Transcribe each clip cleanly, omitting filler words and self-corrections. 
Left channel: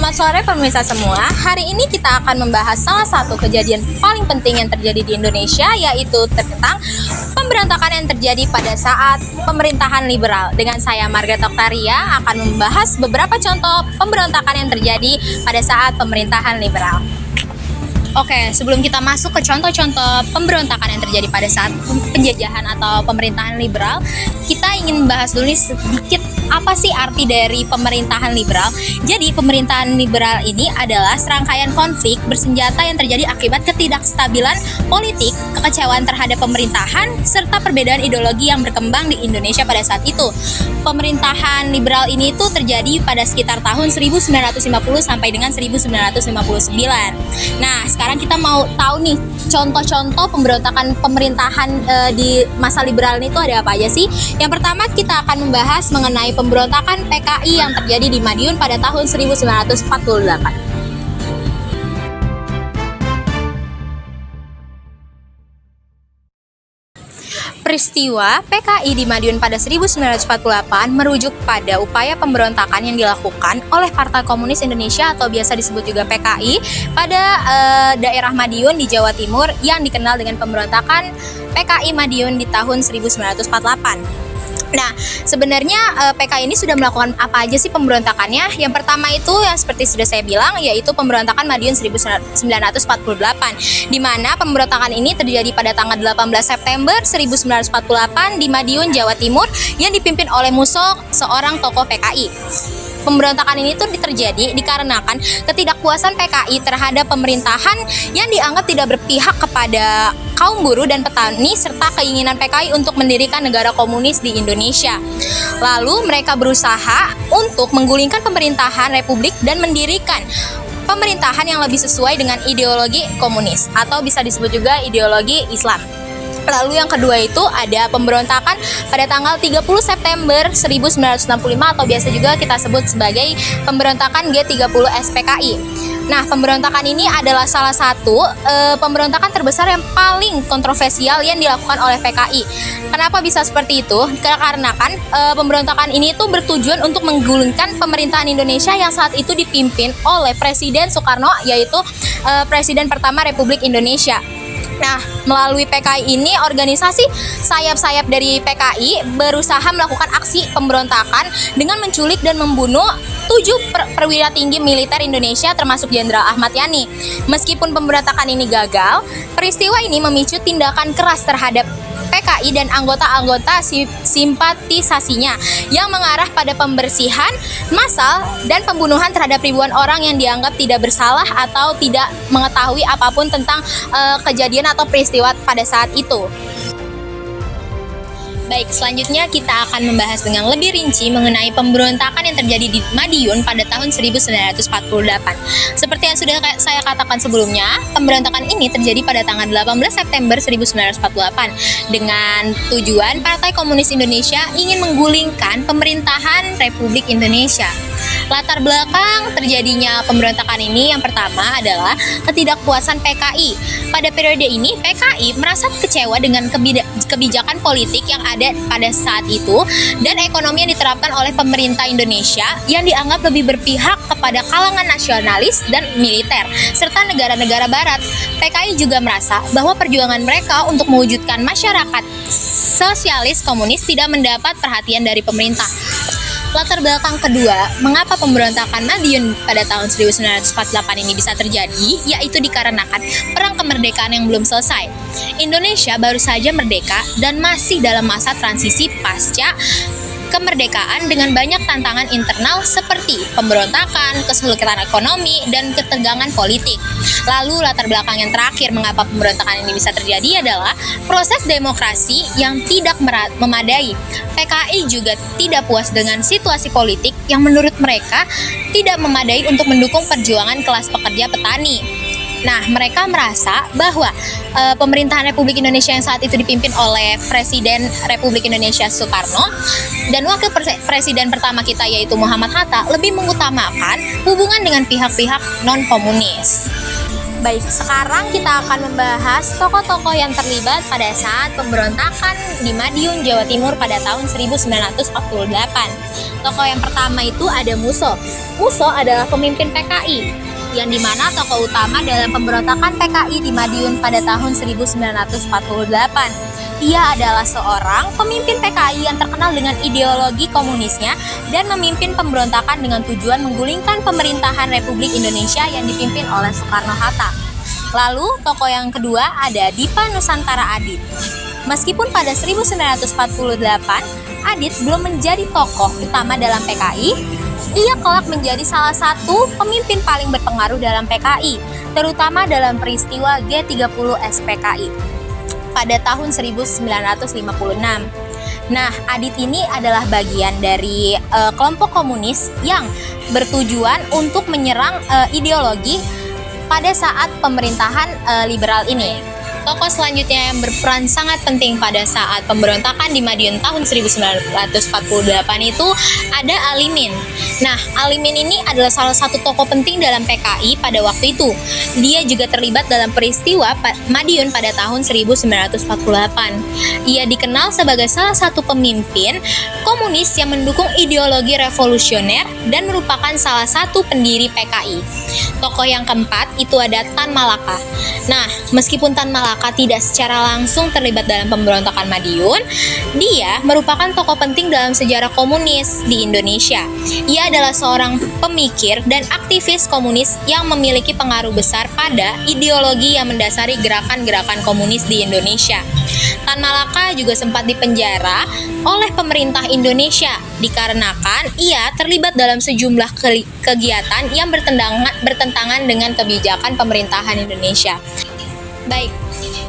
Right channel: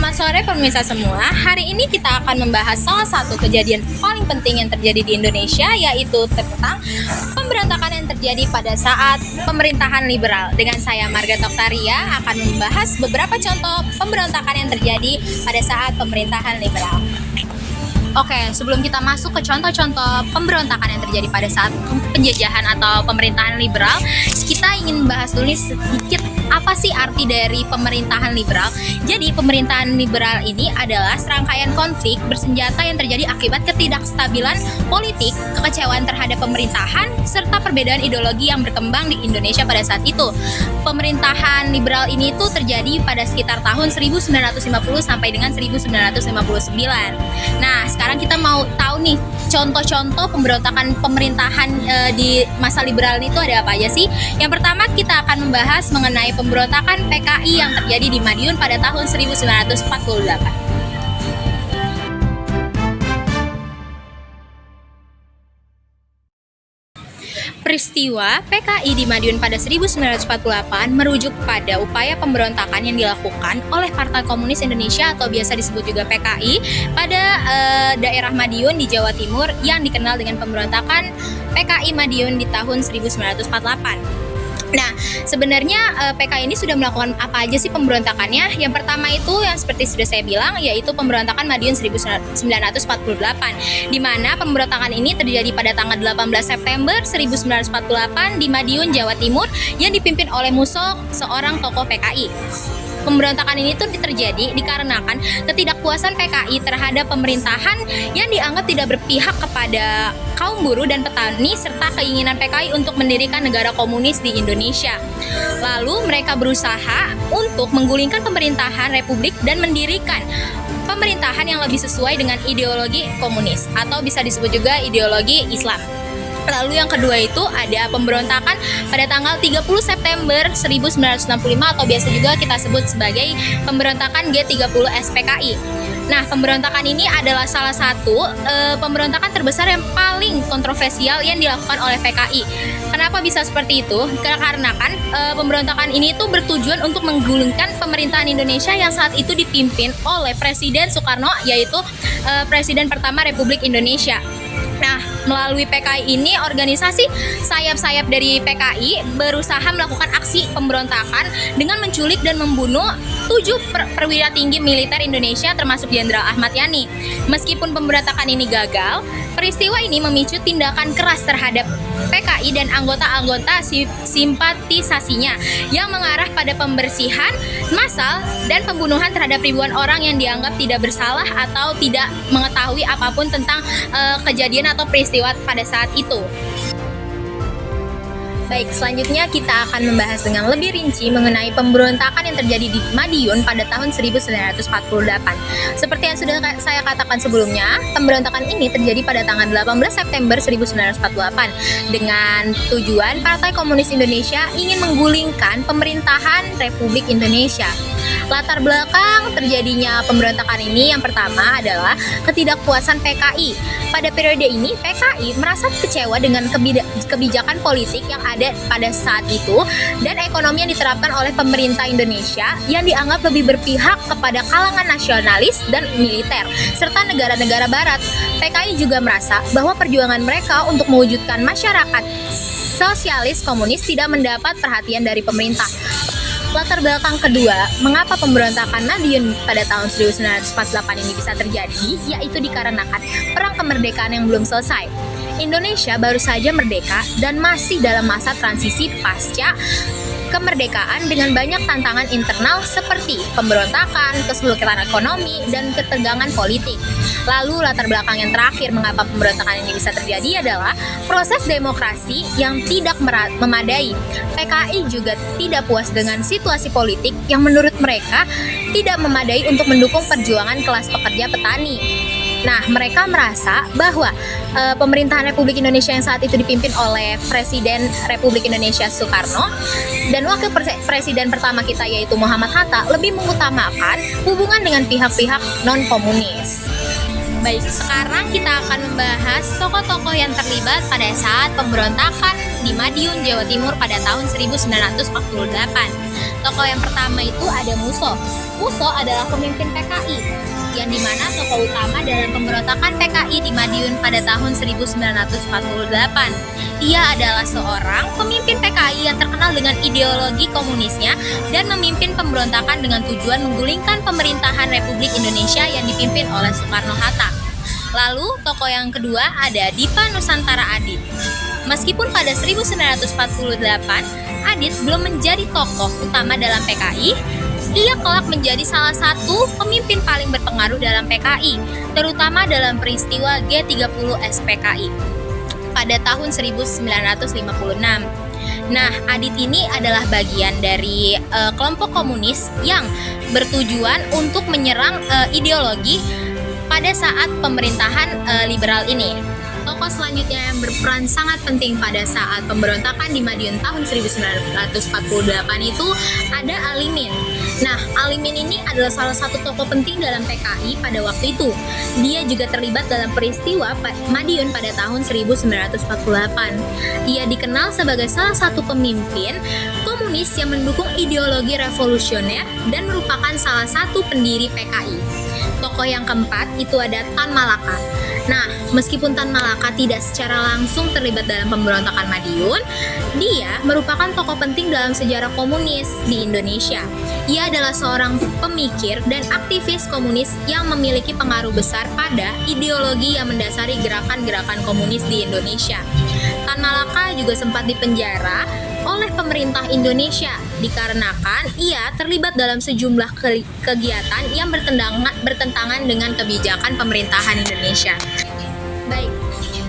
Selamat sore pemirsa semua. Hari ini kita akan membahas salah satu kejadian paling penting yang terjadi di Indonesia, yaitu tentang pemberontakan yang terjadi pada saat pemerintahan liberal. Dengan saya Margaret Octaria akan membahas beberapa contoh pemberontakan yang terjadi pada saat pemerintahan liberal. Oke, sebelum kita masuk ke contoh-contoh pemberontakan yang terjadi pada saat penjajahan atau pemerintahan liberal, kita ingin membahas dulu sedikit apa sih arti dari pemerintahan liberal. Jadi, pemerintahan liberal ini adalah serangkaian konflik bersenjata yang terjadi akibat ketidakstabilan politik, kekecewaan terhadap pemerintahan, serta perbedaan ideologi yang berkembang di Indonesia pada saat itu. Pemerintahan liberal ini tuh terjadi pada sekitar tahun 1950 sampai dengan 1959. Nah, sekarang kita mau tahu nih contoh-contoh pemberontakan pemerintahan di masa liberal itu ada apa aja sih? Yang pertama kita akan membahas mengenai pemberontakan PKI yang terjadi di Madiun pada tahun 1948. Peristiwa PKI di Madiun pada 1948 merujuk pada upaya pemberontakan yang dilakukan oleh Partai Komunis Indonesia atau biasa disebut juga PKI pada daerah Madiun di Jawa Timur yang dikenal dengan pemberontakan PKI Madiun di tahun 1948. Nah, sebenarnya PKI ini sudah melakukan apa aja sih pemberontakannya? Yang pertama itu yang seperti sudah saya bilang, yaitu pemberontakan Madiun 1948, di mana pemberontakan ini terjadi pada tanggal 18 September 1948 di Madiun, Jawa Timur, yang dipimpin oleh Musso, seorang tokoh PKI. Pemberontakan ini tuh terjadi dikarenakan ketidakpuasan PKI terhadap pemerintahan yang dianggap tidak berpihak kepada kaum buruh dan petani serta keinginan PKI untuk mendirikan negara komunis di Indonesia. Lalu mereka berusaha untuk menggulingkan pemerintahan republik dan mendirikan pemerintahan yang lebih sesuai dengan ideologi komunis atau bisa disebut juga ideologi Islam. Lalu yang kedua itu ada pemberontakan pada tanggal 30 September 1965 atau biasa juga kita sebut sebagai pemberontakan G30 SPKI. Nah, pemberontakan ini adalah salah satu pemberontakan terbesar yang paling kontroversial yang dilakukan oleh PKI. Kenapa bisa seperti itu? Karena kan pemberontakan ini tuh bertujuan untuk menggulingkan pemerintahan Indonesia yang saat itu dipimpin oleh Presiden Soekarno, yaitu Presiden pertama Republik Indonesia. Nah, melalui PKI ini, organisasi sayap-sayap dari PKI berusaha melakukan aksi pemberontakan dengan menculik dan membunuh 7 perwira tinggi militer Indonesia termasuk Jenderal Ahmad Yani. Meskipun pemberontakan ini gagal, peristiwa ini memicu tindakan keras terhadap PKI dan anggota-anggota simpatisasinya yang mengarah pada pembersihan massal dan pembunuhan terhadap ribuan orang yang dianggap tidak bersalah atau tidak mengetahui apapun tentang kejadian atau peristiwa pada saat itu. Baik, selanjutnya kita akan membahas dengan lebih rinci mengenai pemberontakan yang terjadi di Madiun pada tahun 1948. Seperti yang sudah saya katakan sebelumnya, pemberontakan ini terjadi pada tanggal 18 September 1948 dengan tujuan Partai Komunis Indonesia ingin menggulingkan pemerintahan Republik Indonesia. Latar belakang terjadinya pemberontakan ini yang pertama adalah ketidakpuasan PKI. Pada periode ini, PKI merasa kecewa dengan kebijakan politik yang ada pada saat itu dan ekonomi yang diterapkan oleh pemerintah Indonesia yang dianggap lebih berpihak kepada kalangan nasionalis dan militer, serta negara-negara barat. PKI juga merasa bahwa perjuangan mereka untuk mewujudkan masyarakat sosialis komunis tidak mendapat perhatian dari pemerintah. Latar belakang kedua, mengapa pemberontakan Madiun pada tahun 1948 ini bisa terjadi, yaitu dikarenakan perang kemerdekaan yang belum selesai. Indonesia baru saja merdeka dan masih dalam masa transisi pasca kemerdekaan dengan banyak tantangan internal seperti pemberontakan, kesulitan ekonomi, dan ketegangan politik. Lalu latar belakang yang terakhir mengapa pemberontakan ini bisa terjadi adalah proses demokrasi yang tidak memadai. PKI juga tidak puas dengan situasi politik yang menurut mereka tidak memadai untuk mendukung perjuangan kelas pekerja petani. Nah, mereka merasa bahwa pemerintahan Republik Indonesia yang saat itu dipimpin oleh Presiden Republik Indonesia Soekarno dan Wakil Presiden pertama kita yaitu Muhammad Hatta lebih mengutamakan hubungan dengan pihak-pihak non-komunis. Baik, sekarang kita akan membahas tokoh-tokoh yang terlibat pada saat pemberontakan di Madiun, Jawa Timur pada tahun 1948. Tokoh yang pertama itu ada Musso. Musso adalah pemimpin PKI, yang dimana tokoh utama dalam pemberontakan PKI di Madiun pada tahun 1948. Ia adalah seorang pemimpin PKI yang terkenal dengan ideologi komunisnya dan memimpin pemberontakan dengan tujuan menggulingkan pemerintahan Republik Indonesia yang dipimpin oleh Soekarno-Hatta. Lalu, tokoh yang kedua ada Dipa Nusantara Adit. Meskipun pada 1948, Adit belum menjadi tokoh utama dalam PKI, ia kelak menjadi salah satu pemimpin paling berpengaruh dalam PKI, terutama dalam peristiwa G30 SPKI pada tahun 1956. Nah, Adit ini adalah bagian dari kelompok komunis yang bertujuan untuk menyerang ideologi pada saat pemerintahan liberal ini. Tokoh selanjutnya yang berperan sangat penting pada saat pemberontakan di Madiun tahun 1948 itu ada Alimin. Nah, Alimin ini adalah salah satu tokoh penting dalam PKI pada waktu itu. Dia juga terlibat dalam peristiwa Madiun pada tahun 1948. Ia dikenal sebagai salah satu pemimpin komunis yang mendukung ideologi revolusioner dan merupakan salah satu pendiri PKI. Tokoh yang keempat itu ada Tan Malaka. Nah, meskipun Tan Malaka tidak secara langsung terlibat dalam pemberontakan Madiun, dia merupakan tokoh penting dalam sejarah komunis di Indonesia. Ia adalah seorang pemikir dan aktivis komunis yang memiliki pengaruh besar pada ideologi yang mendasari gerakan-gerakan komunis di Indonesia. Tan Malaka juga sempat dipenjara oleh pemerintah Indonesia dikarenakan ia terlibat dalam sejumlah kegiatan yang bertentangan dengan kebijakan pemerintahan Indonesia. Baik,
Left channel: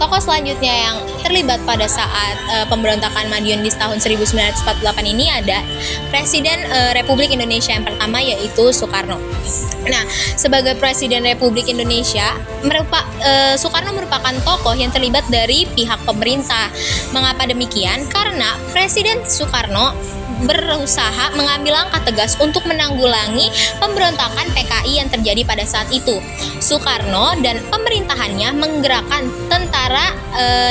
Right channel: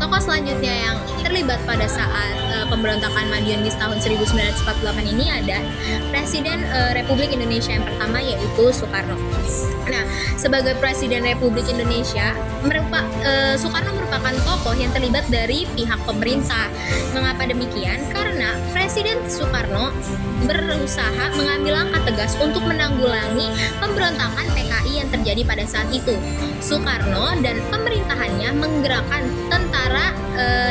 tokoh selanjutnya yang terlibat pada saat pemberontakan Madiun di tahun 1948 ini ada Presiden Republik Indonesia yang pertama, yaitu Soekarno. Nah, sebagai Presiden Republik Indonesia, Soekarno merupakan tokoh yang terlibat dari pihak pemerintah. Mengapa demikian? Karena Presiden Soekarno berusaha mengambil langkah tegas untuk menanggulangi pemberontakan PKI yang terjadi pada saat itu. Soekarno dan pemerintahannya menggerakkan Tentara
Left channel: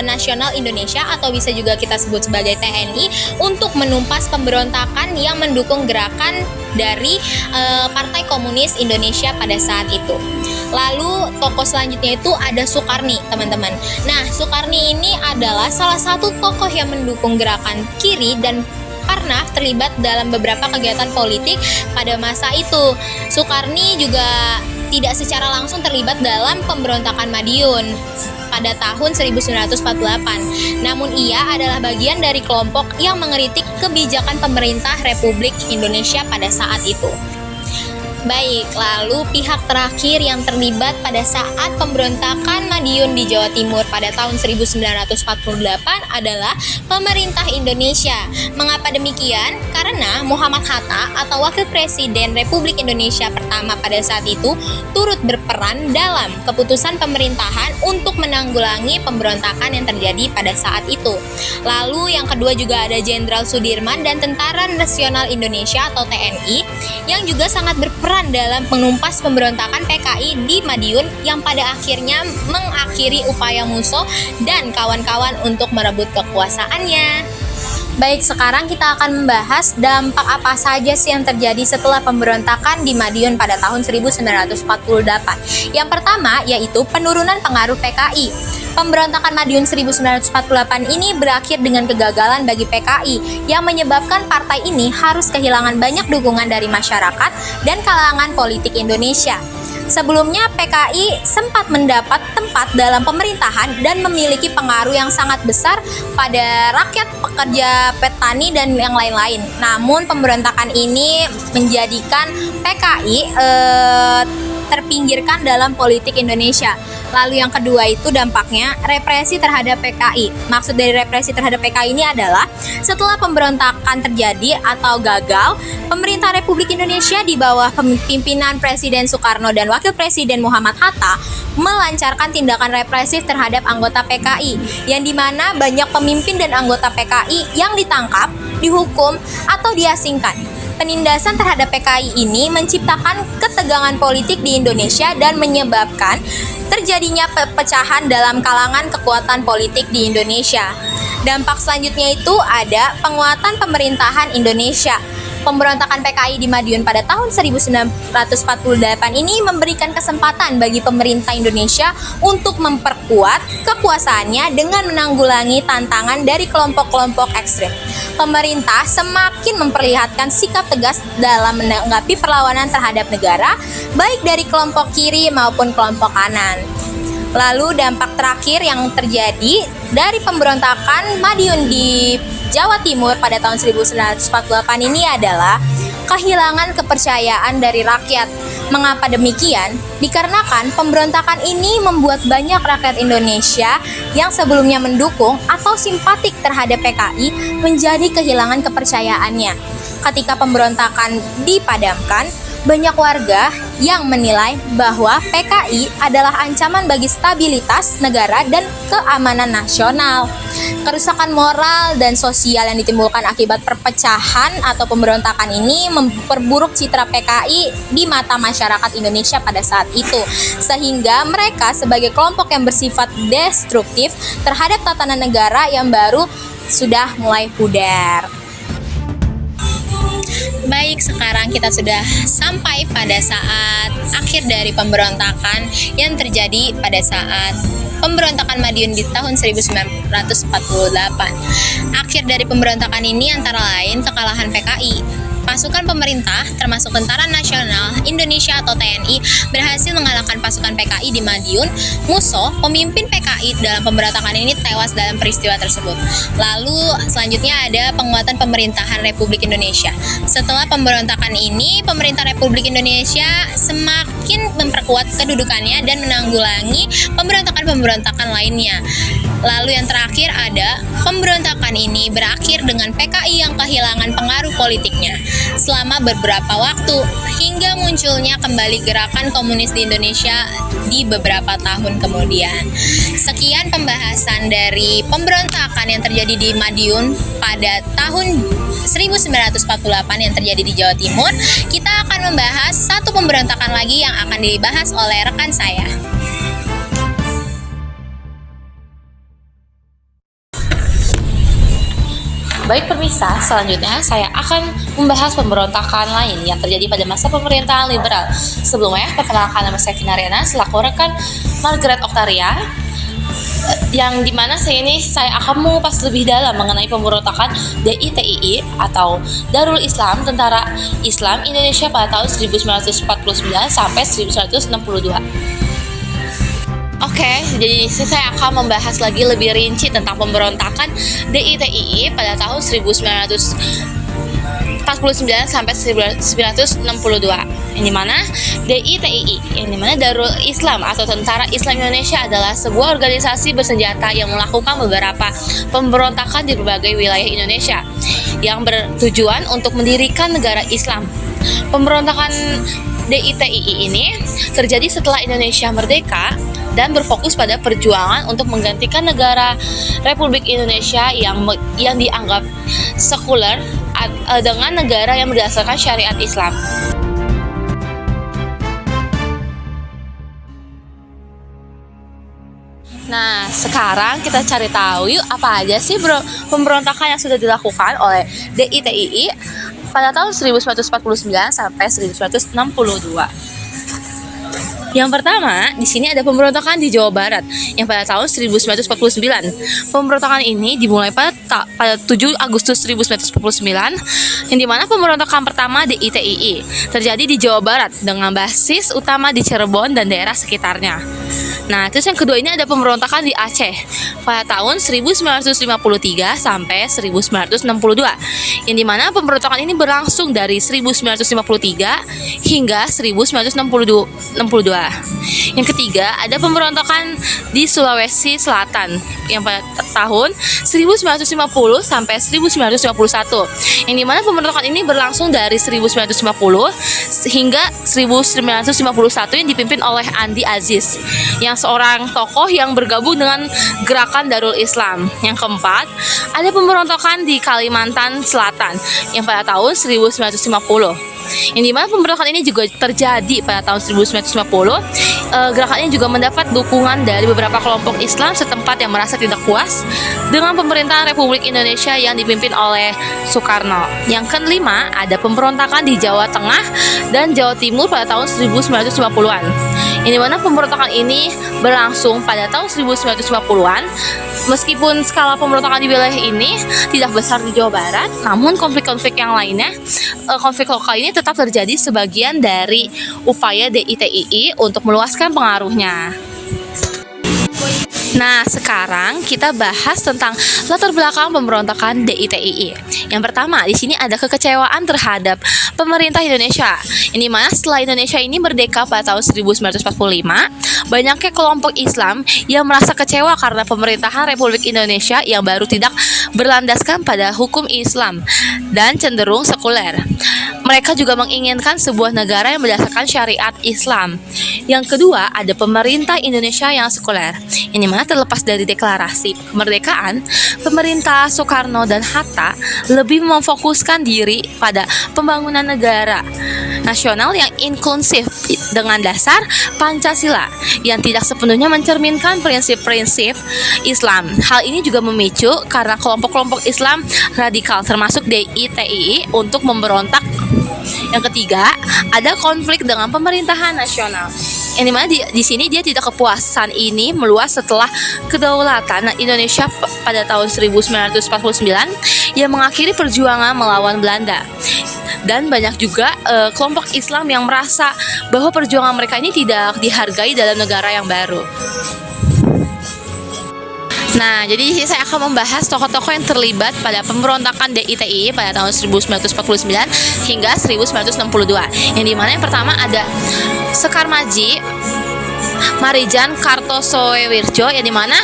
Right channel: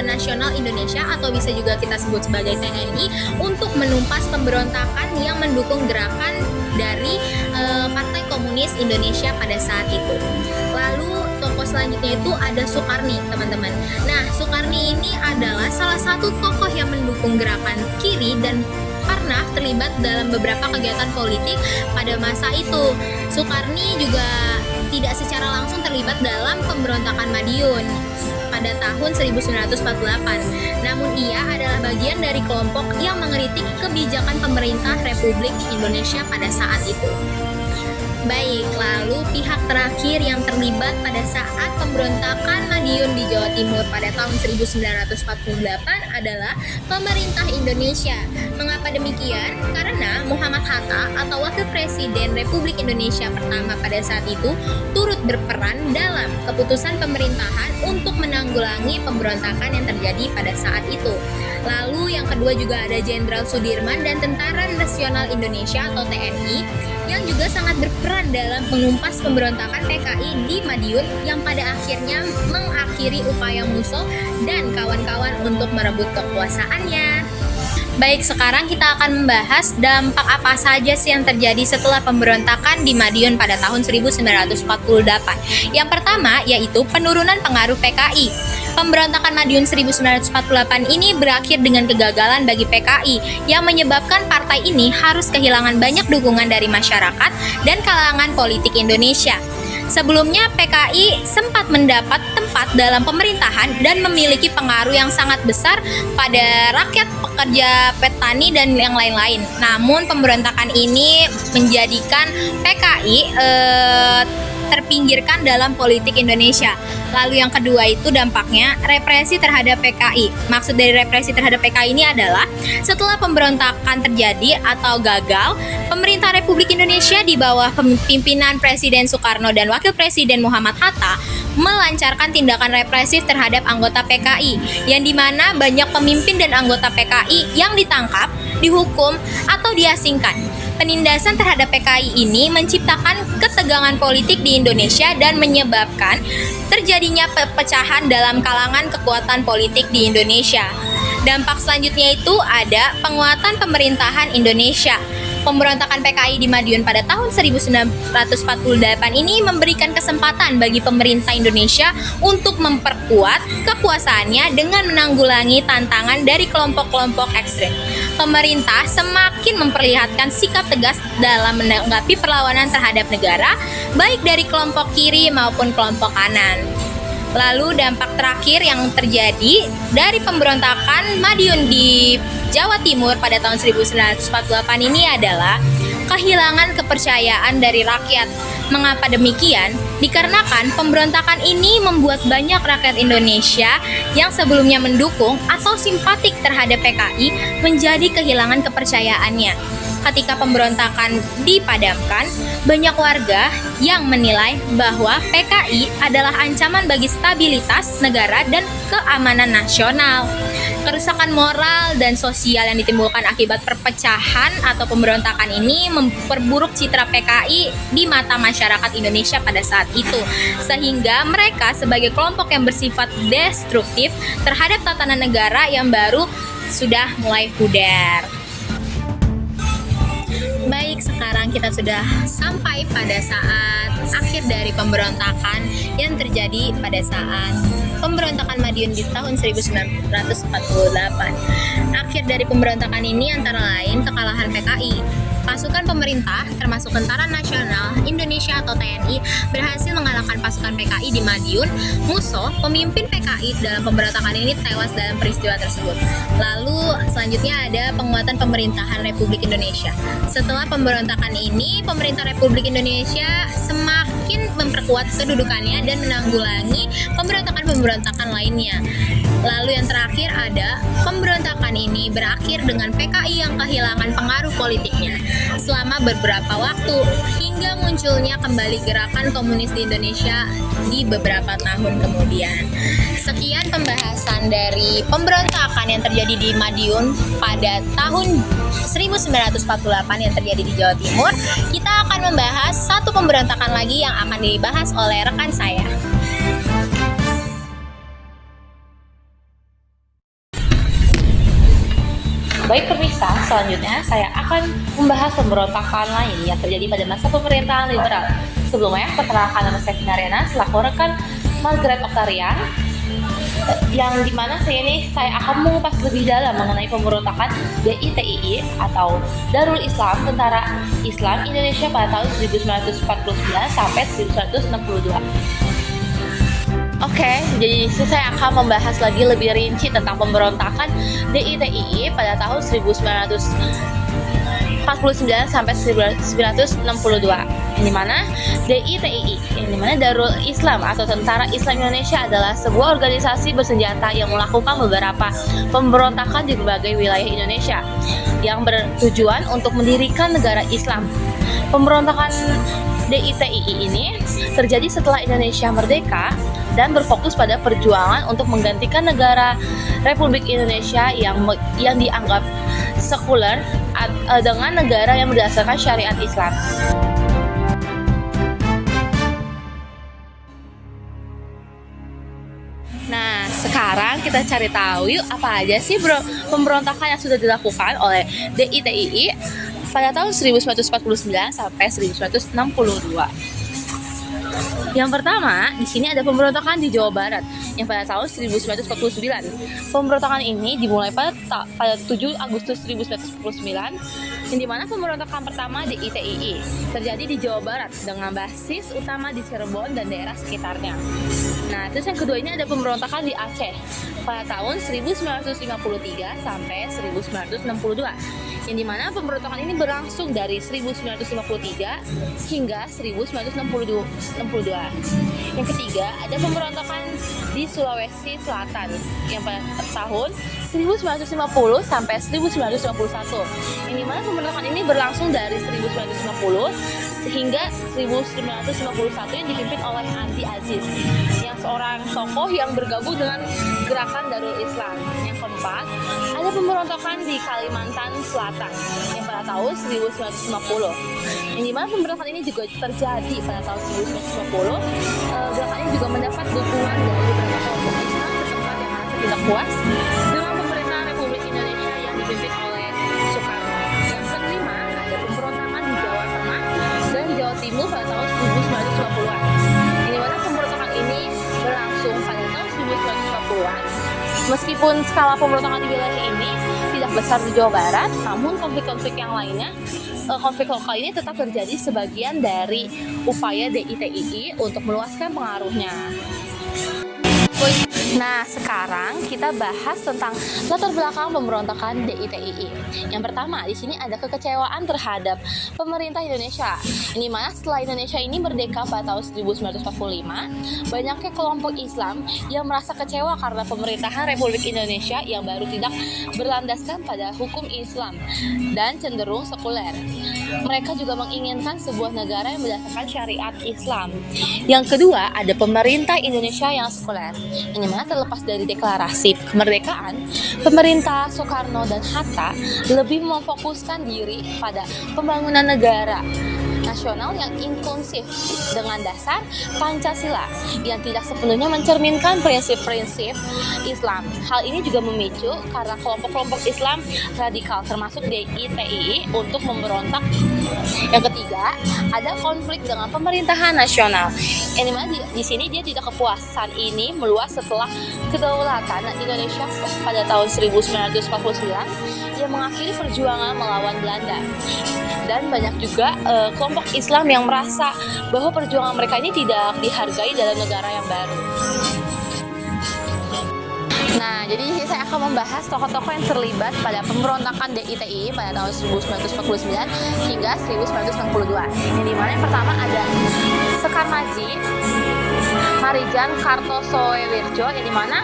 Nasional Indonesia atau bisa juga kita sebut sebagai TNI untuk menumpas pemberontakan yang mendukung gerakan dari Partai Komunis Indonesia pada saat itu. Lalu tokoh selanjutnya itu ada Sukarni, teman-teman. Nah, Sukarni ini adalah salah satu tokoh yang mendukung gerakan kiri dan pernah terlibat dalam beberapa kegiatan politik pada masa itu. Sukarni juga tidak secara langsung terlibat dalam pemberontakan Madiun pada tahun 1948. Namun ia adalah bagian dari kelompok yang mengkritik kebijakan pemerintah Republik Indonesia pada saat itu. Baik, lalu pihak terakhir yang terlibat pada saat pemberontakan Madiun di Jawa Timur pada tahun 1948 adalah pemerintah Indonesia. Mengapa demikian? Karena Muhammad Hatta atau Wakil Presiden Republik Indonesia pertama pada saat itu turut berperan dalam keputusan pemerintahan untuk menanggulangi pemberontakan yang terjadi pada saat itu. Lalu yang kedua juga ada Jenderal Sudirman dan Tentara Nasional Indonesia atau TNI yang juga sangat berperan dalam menumpas pemberontakan PKI di Madiun yang pada akhirnya mengakhiri upaya Musso dan kawan-kawan untuk merebut kekuasaannya. Baik, sekarang kita akan membahas dampak apa saja sih yang terjadi setelah pemberontakan di Madiun pada tahun 1948. Yang pertama yaitu penurunan pengaruh PKI. Pemberontakan Madiun 1948 ini berakhir dengan kegagalan bagi PKI yang menyebabkan partai ini harus kehilangan banyak dukungan dari masyarakat dan kalangan politik Indonesia. Sebelumnya PKI sempat mendapat tempat dalam pemerintahan dan memiliki pengaruh yang sangat besar pada rakyat, pekerja, petani, dan yang lain-lain. Namun pemberontakan ini menjadikan PKI terpinggirkan dalam politik Indonesia. Lalu yang kedua itu dampaknya represi terhadap PKI. Maksud dari represi terhadap PKI ini adalah setelah pemberontakan terjadi atau gagal, pemerintah Republik Indonesia di bawah pimpinan Presiden Soekarno dan Wakil Presiden Muhammad Hatta melancarkan tindakan represif terhadap anggota PKI, yang dimana banyak pemimpin dan anggota PKI yang ditangkap, dihukum, atau diasingkan. Penindasan terhadap PKI ini menciptakan ketegangan politik di Indonesia dan menyebabkan terjadinya perpecahan dalam kalangan kekuatan politik di Indonesia. Dampak selanjutnya itu ada penguatan pemerintahan Indonesia. Pemberontakan PKI di Madiun pada tahun 1948 ini memberikan kesempatan bagi pemerintah Indonesia untuk memperkuat kekuasaannya dengan menanggulangi tantangan dari kelompok-kelompok ekstrem. Pemerintah semakin memperlihatkan sikap tegas dalam menanggapi perlawanan terhadap negara, baik dari kelompok kiri maupun kelompok kanan. Lalu dampak terakhir yang terjadi dari pemberontakan Madiun di Jawa Timur pada tahun 1948 ini adalah kehilangan kepercayaan dari rakyat. Mengapa demikian? Dikarenakan pemberontakan ini membuat banyak rakyat Indonesia yang sebelumnya mendukung atau simpatik terhadap PKI menjadi kehilangan kepercayaannya. Ketika pemberontakan dipadamkan, banyak warga yang menilai bahwa PKI adalah ancaman bagi stabilitas negara dan keamanan nasional. Kerusakan moral dan sosial yang ditimbulkan akibat perpecahan atau pemberontakan ini memperburuk citra PKI di mata masyarakat Indonesia pada saat itu, sehingga mereka sebagai kelompok yang bersifat destruktif terhadap tatanan negara yang baru sudah mulai pudar. Baik, sekarang kita sudah sampai pada saat akhir dari pemberontakan yang terjadi pada saat pemberontakan Madiun di tahun 1948. Akhir dari pemberontakan ini antara lain kekalahan PKI. Pasukan pemerintah termasuk Tentara Nasional Indonesia atau TNI berhasil mengalahkan pasukan PKI di Madiun. Musso, pemimpin PKI dalam pemberontakan ini, tewas dalam peristiwa tersebut. Lalu selanjutnya ada penguatan pemerintahan Republik Indonesia. Setelah pemberontakan ini, pemerintah Republik Indonesia semakin memperkuat kedudukannya dan menanggulangi pemberontakan-pemberontakan lainnya. Lalu yang terakhir ada pemberontakan ini berakhir dengan PKI yang kehilangan pengaruh politiknya selama beberapa waktu hingga munculnya kembali gerakan komunis di Indonesia di beberapa tahun kemudian. Sekian pembahasan dari pemberontakan yang terjadi di Madiun pada tahun 1948 yang terjadi di Jawa Timur. Kita akan membahas satu pemberontakan lagi yang akan dibahas oleh rekan saya. Baik pemirsa, selanjutnya saya akan membahas pemberontakan lain yang terjadi pada masa pemerintahan liberal. Sebelumnya, perkenalkan nama saya Vinariana selaku rekan Margaret Octaria, yang dimana saya akan mengupas lebih dalam mengenai pemberontakan DITII atau Darul Islam Tentara Islam Indonesia pada tahun 1949 sampai 1962. Oke, jadi saya akan membahas lagi lebih rinci tentang pemberontakan DITII pada tahun 1949 sampai 1962. Yang dimana DITII, yang dimana Darul Islam atau Tentara Islam Indonesia adalah sebuah organisasi bersenjata yang melakukan beberapa pemberontakan di berbagai wilayah Indonesia yang bertujuan untuk mendirikan negara Islam. Pemberontakan DITII ini terjadi setelah Indonesia merdeka dan berfokus pada perjuangan untuk menggantikan negara Republik Indonesia yang dianggap sekuler dengan negara yang berdasarkan syariat Islam. Nah, sekarang kita cari tahu yuk apa aja sih pemberontakan yang sudah dilakukan oleh DITII pada tahun 1949 sampai 1962. Yang pertama, di sini ada pemberontakan di Jawa Barat yang pada tahun 1949. Pemberontakan ini dimulai pada 7 Agustus 1949, yang dimana pemberontakan pertama di DITII terjadi di Jawa Barat dengan basis utama di Cirebon dan daerah sekitarnya. Nah, terus yang kedua ini ada pemberontakan di Aceh pada tahun 1953 sampai 1962, yang dimana pemberontakan ini berlangsung dari 1953 hingga 1962. Yang ketiga ada pemberontakan di Sulawesi Selatan yang pada tahun 1950 sampai 1951, yang dimana pemberontakan ini berlangsung dari 1950 hingga 1951 yang dipimpin oleh Andi Aziz, yang seorang tokoh yang bergabung dengan gerakan Darul Islam. Yang keempat, ada pemberontakan di Kalimantan Selatan yang pada tahun 1950. Yang dimana pemberontakan ini juga terjadi pada tahun 1950. Gerakan ini juga mendapat dukungan dari beberapa kelompok Islam setempat yang merasa tidak puas dengan pemerintahan Republik Indonesia yang dipimpin oleh Soekarno. Yang kelima, ada pemberontakan di Jawa Tengah dan Jawa Timur pada tahun 1950-an. Yang dimana pemberontakan ini berlangsung pada tahun 1950-an. Meskipun skala pemberontakan di wilayah ini tidak besar di Jawa Barat, namun konflik-konflik yang lainnya, konflik lokal ini tetap terjadi sebagian dari upaya DITII untuk meluaskan pengaruhnya. Nah, sekarang kita bahas tentang latar belakang pemberontakan DITII. Yang pertama, di sini ada kekecewaan terhadap pemerintah Indonesia. Yang dimana setelah Indonesia ini merdeka pada tahun 1945, banyaknya kelompok Islam yang merasa kecewa karena pemerintahan Republik Indonesia yang baru tidak berlandaskan pada hukum Islam dan cenderung sekuler. Mereka juga menginginkan sebuah negara yang berdasarkan syariat Islam. Yang kedua, ada pemerintah Indonesia yang sekuler. Yang dimana terlepas dari deklarasi kemerdekaan, pemerintah Soekarno dan Hatta lebih memfokuskan diri pada pembangunan negara nasional yang inklusif dengan dasar Pancasila yang tidak sepenuhnya mencerminkan prinsip-prinsip Islam. Hal ini juga memicu karena kelompok-kelompok Islam radikal termasuk DITII untuk memberontak. Yang ketiga, ada konflik dengan pemerintahan nasional. Yang dimana di sini dia tidak kepuasan ini meluas setelah kedaulatan Indonesia pada tahun 1949 yang mengakhiri perjuangan melawan Belanda. Dan banyak juga kelompok Islam yang merasa bahwa perjuangan mereka ini tidak dihargai dalam negara yang baru. Nah, jadi di sini saya akan membahas tokoh-tokoh yang terlibat pada pemberontakan DITII pada tahun 1949 hingga 1962. Yang dimana yang pertama ada Sekar Maji, Marijan Kartosoewirjo, yang dimana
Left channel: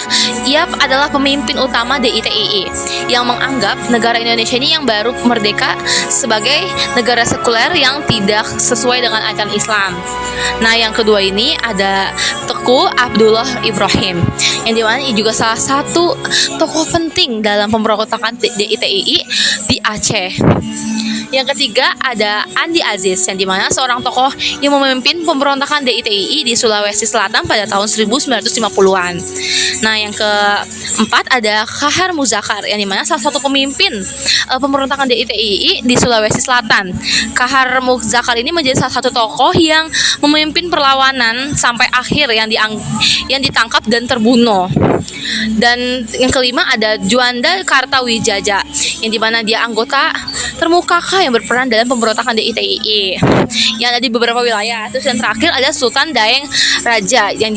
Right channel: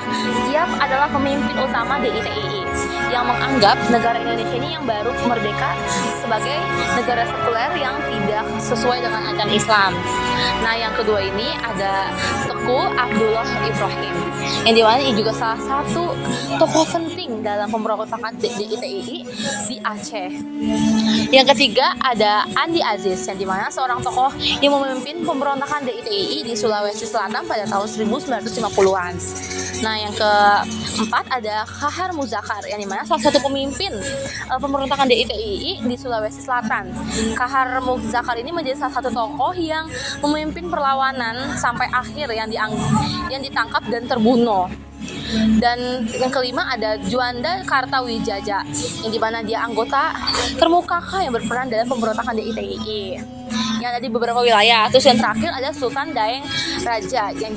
ia adalah pemimpin utama DITII yang menganggap negara Indonesia ini yang baru merdeka sebagai negara sekuler yang tidak sesuai dengan ajaran Islam. Nah, yang kedua ini ada Teku Abdullah Ibrahim, yang dimana ini juga salah satu tokoh penting dalam pemberontakan DITII di Aceh. Yang ketiga ada Andi Aziz, yang dimana seorang tokoh yang memimpin pemberontakan DITII di Sulawesi Selatan pada tahun 1950-an. Nah, yang keempat ada Kahar Muzakar, yang dimana salah satu pemimpin pemberontakan DITII di Sulawesi Selatan. Kahar Muzakar ini menjadi salah satu tokoh yang memimpin perlawanan sampai akhir yang ditangkap dan terbunuh. Dan yang kelima ada Juanda Kartawijaya, yang dimana dia anggota termuka yang berperan dalam pemberontakan DITII yang ada di beberapa wilayah. Terus yang terakhir ada Sultan Daeng Raja, yang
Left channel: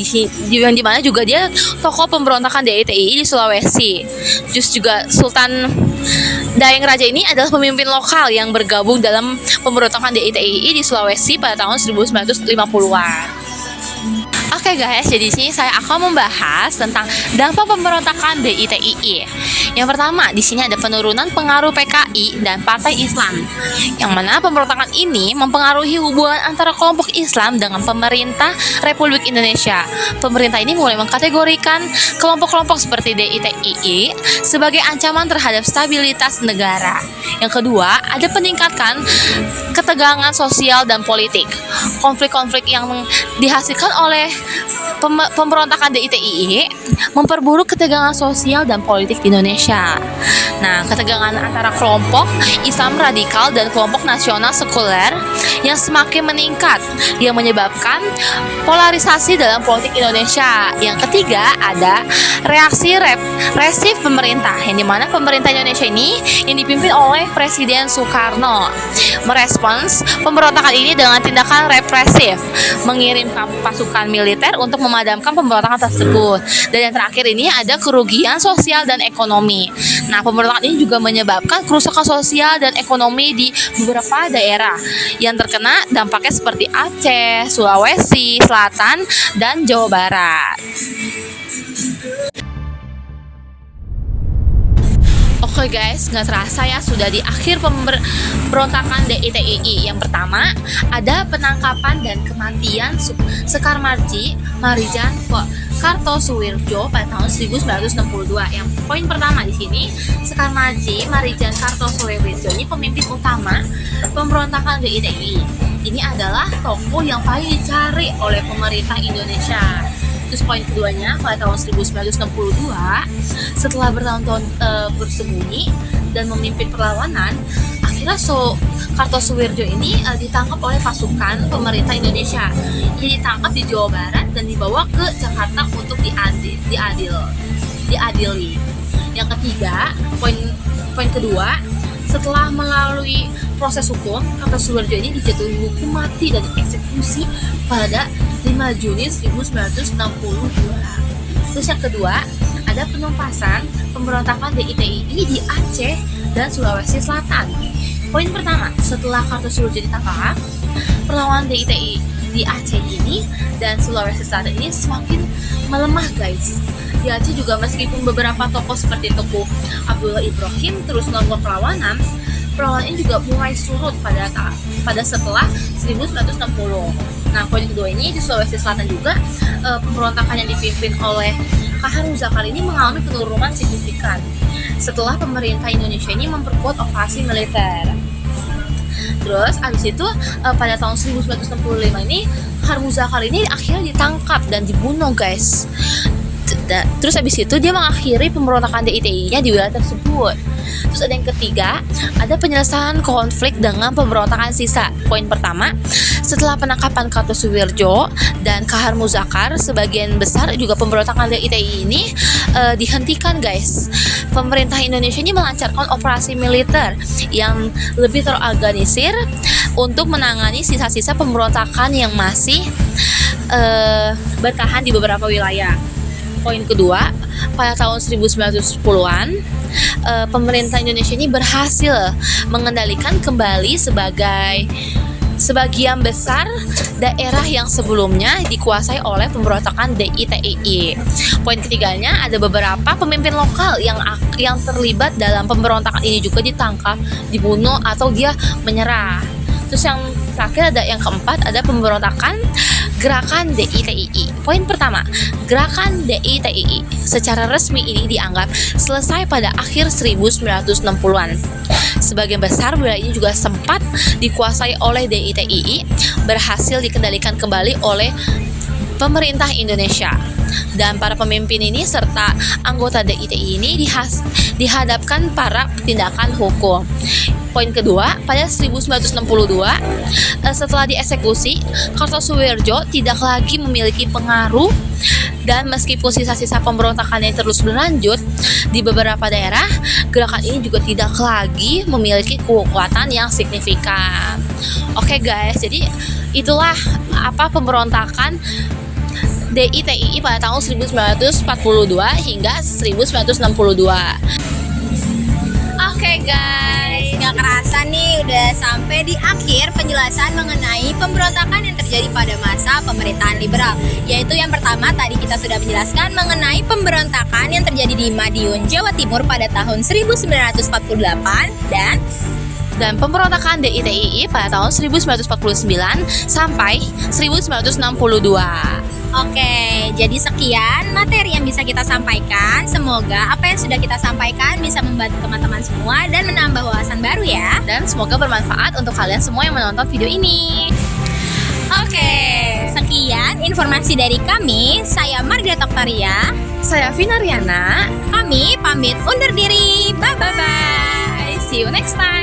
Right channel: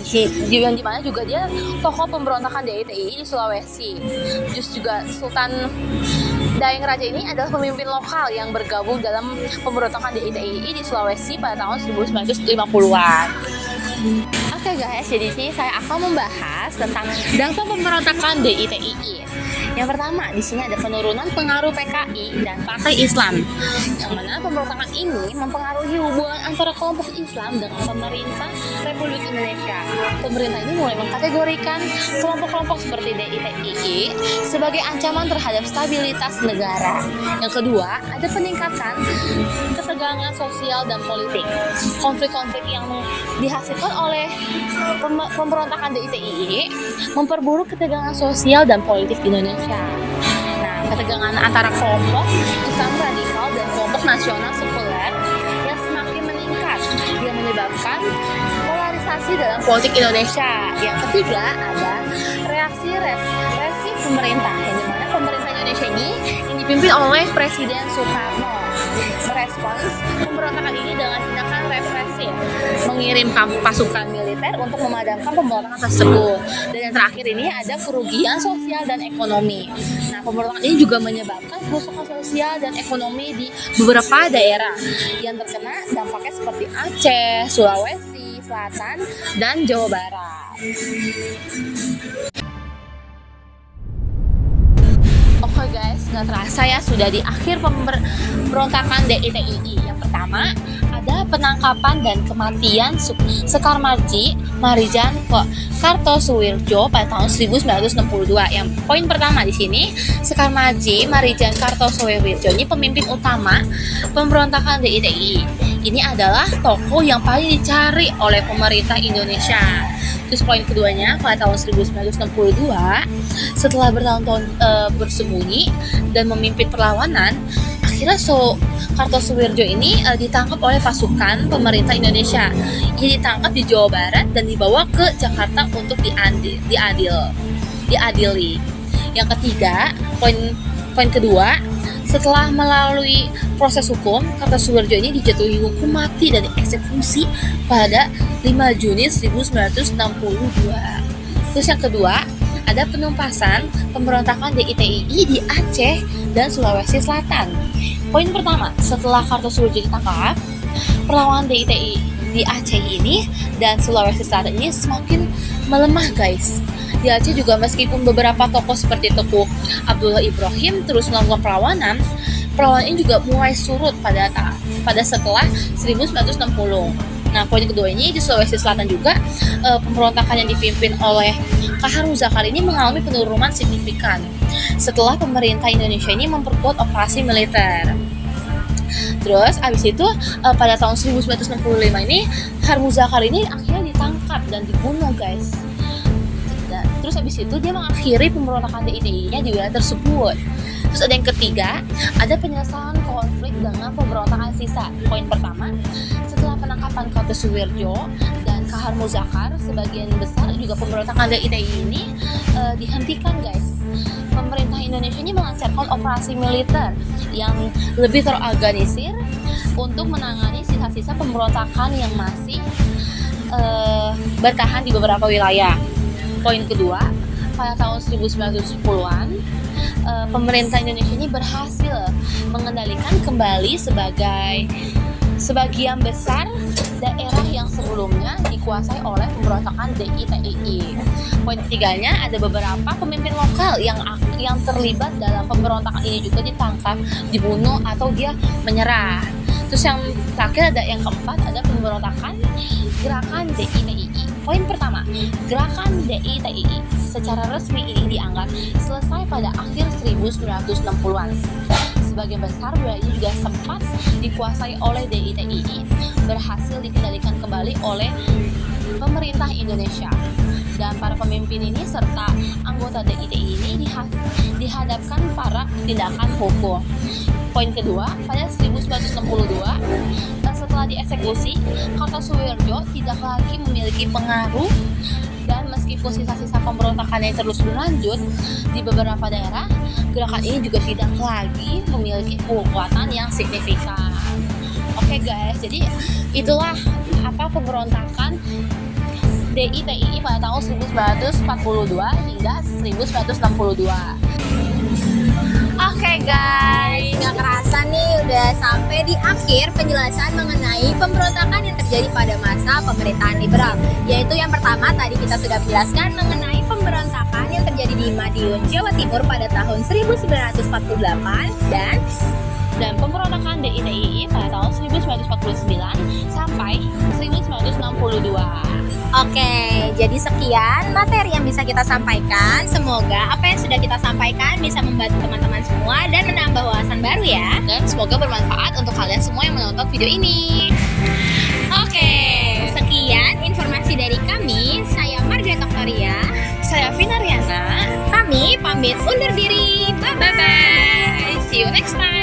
dimana juga dia tokoh pemberontakan DITII di Sulawesi. Terus juga Sultan Daeng Raja ini adalah pemimpin lokal yang bergabung dalam pemberontakan DITII di Sulawesi pada tahun 1950-an. Oke guys, jadi di sini saya akan membahas tentang dampak pemberontakan DITII. Yang pertama, di sini ada penurunan pengaruh PKI dan Partai Islam, yang mana pemberontakan ini mempengaruhi hubungan antara kelompok Islam dengan pemerintah Republik Indonesia. Pemerintah ini mulai mengkategorikan kelompok-kelompok seperti DITII sebagai ancaman terhadap stabilitas negara. Yang kedua, ada peningkatan ketegangan sosial dan politik. Konflik-konflik yang dihasilkan oleh pemberontakan DITII memperburuk ketegangan sosial dan politik di Indonesia. Nah, ketegangan antara kelompok Islam radikal dan kelompok nasional sekuler yang semakin meningkat yang menyebabkan polarisasi dalam politik Indonesia. Yang ketiga ada reaksi represif pemerintah, yang dimana pemerintah Indonesia ini yang dipimpin oleh Presiden Soekarno merespons pemberontakan ini dengan tindakan represif, mengirimkan pasukan militer untuk memadamkan pemberontakan tersebut. Dan yang terakhir ini ada kerugian sosial dan ekonomi. Nah, pemberontakan ini juga menyebabkan kerusakan sosial dan ekonomi di beberapa daerah yang terkena dampaknya seperti Aceh, Sulawesi Selatan, dan Jawa Barat. Oke guys, nggak terasa ya sudah di akhir pemberontakan DITII. Yang pertama ada penangkapan dan kematian Sekar Maji, Marijan Kartosuwirjo pada tahun 1962. Yang poin pertama di sini, Sekar Maji Marijan Kartosuwirjo ini pemimpin utama pemberontakan DITI. Ini adalah tokoh yang paling dicari oleh pemerintah Indonesia. Terus poin keduanya, pada tahun 1962, setelah bertahun-tahun bersembunyi dan memimpin perlawanan, akhirnya Kartosuwirjo ini ditangkap oleh pasukan pemerintah Indonesia. Ia ditangkap di Jawa Barat dan dibawa ke Jakarta untuk diadili. Yang ketiga, poin kedua, setelah melalui proses hukum, Kartosuwirjo ini dijatuhi hukum mati dan dieksekusi pada 5 Juni 1962. Terus yang kedua, ada penumpasan pemberontakan DITI di Aceh dan Sulawesi Selatan. Poin pertama, setelah Kartosuwirjo ditangkap, perlawanan DITI di Aceh ini dan Sulawesi Selatan ini semakin melemah, guys. Di Aceh juga meskipun beberapa tokoh seperti Teguh Abdullah Ibrahim terus melakukan perlawanan ini juga mulai surut pada setelah 1960. Nah, poin kedua ini di Sulawesi Selatan juga pemberontakan yang dipimpin oleh Kahar Muzakar ini mengalami penurunan signifikan setelah pemerintah Indonesia ini memperkuat operasi militer. Terus abis itu pada tahun 1965 ini Kahar Muzakar ini akhirnya ditangkap dan dibunuh, guys. Terus abis itu dia mengakhiri pemberontakan DITI-nya di wilayah tersebut. Terus ada yang ketiga, ada penyelesaian konflik dengan pemberontakan sisa. Poin pertama, setelah penangkapan Kartosuwirjo dan Kahar Muzakar, sebagian besar juga pemberontakan DITI ini dihentikan, guys. Pemerintah Indonesia ini melancarkan operasi militer yang lebih terorganisir untuk menangani sisa-sisa pemberontakan yang masih bertahan di beberapa wilayah. Poin kedua, pada tahun 1910-an, pemerintah Indonesia ini berhasil mengendalikan kembali sebagian besar daerah yang sebelumnya dikuasai oleh pemberontakan DITI. Poin ketiganya, ada beberapa pemimpin lokal yang terlibat dalam pemberontakan ini juga ditangkap, dibunuh atau dia menyerah. Terus yang terakhir, ada yang keempat, ada pemberontakan gerakan DITI. Poin pertama, gerakan DITI secara resmi ini dianggap selesai pada akhir 1960-an. Sebagian besar wilayah ini juga sempat dikuasai oleh DITI, berhasil dikendalikan kembali oleh pemerintah Indonesia. Dan para pemimpin ini serta anggota DITI ini dihadapkan para tindakan hukum. Poin kedua, pada 1962, setelah dieksekusi, Kartosuwirjo tidak lagi memiliki pengaruh, dan meskipun sisa-sisa pemberontakan yang terus berlanjut di beberapa daerah, gerakan ini juga tidak lagi memiliki kekuatan yang signifikan. Oke, guys, jadi itulah pemberontakan DITI pada tahun 1942 hingga 1962. Oke, guys, Nggak kerasa nih udah sampai di akhir penjelasan mengenai pemberontakan yang terjadi pada masa pemerintahan liberal. Yaitu yang pertama tadi kita sudah menjelaskan mengenai pemberontakan yang terjadi di Madiun, Jawa Timur pada tahun 1948 dan pemberontakan DITI pada tahun 1949 sampai 1962. Oke, jadi sekian materi yang bisa kita sampaikan. Semoga apa yang sudah kita sampaikan bisa membantu teman-teman semua dan menambah wawasan baru ya. Dan semoga bermanfaat untuk kalian semua yang menonton video ini. Oke, sekian informasi dari kami. Saya Margaret Oktaria. Saya Vina Riana. Kami pamit undur diri. Bye-bye. Bye-bye. See you next time.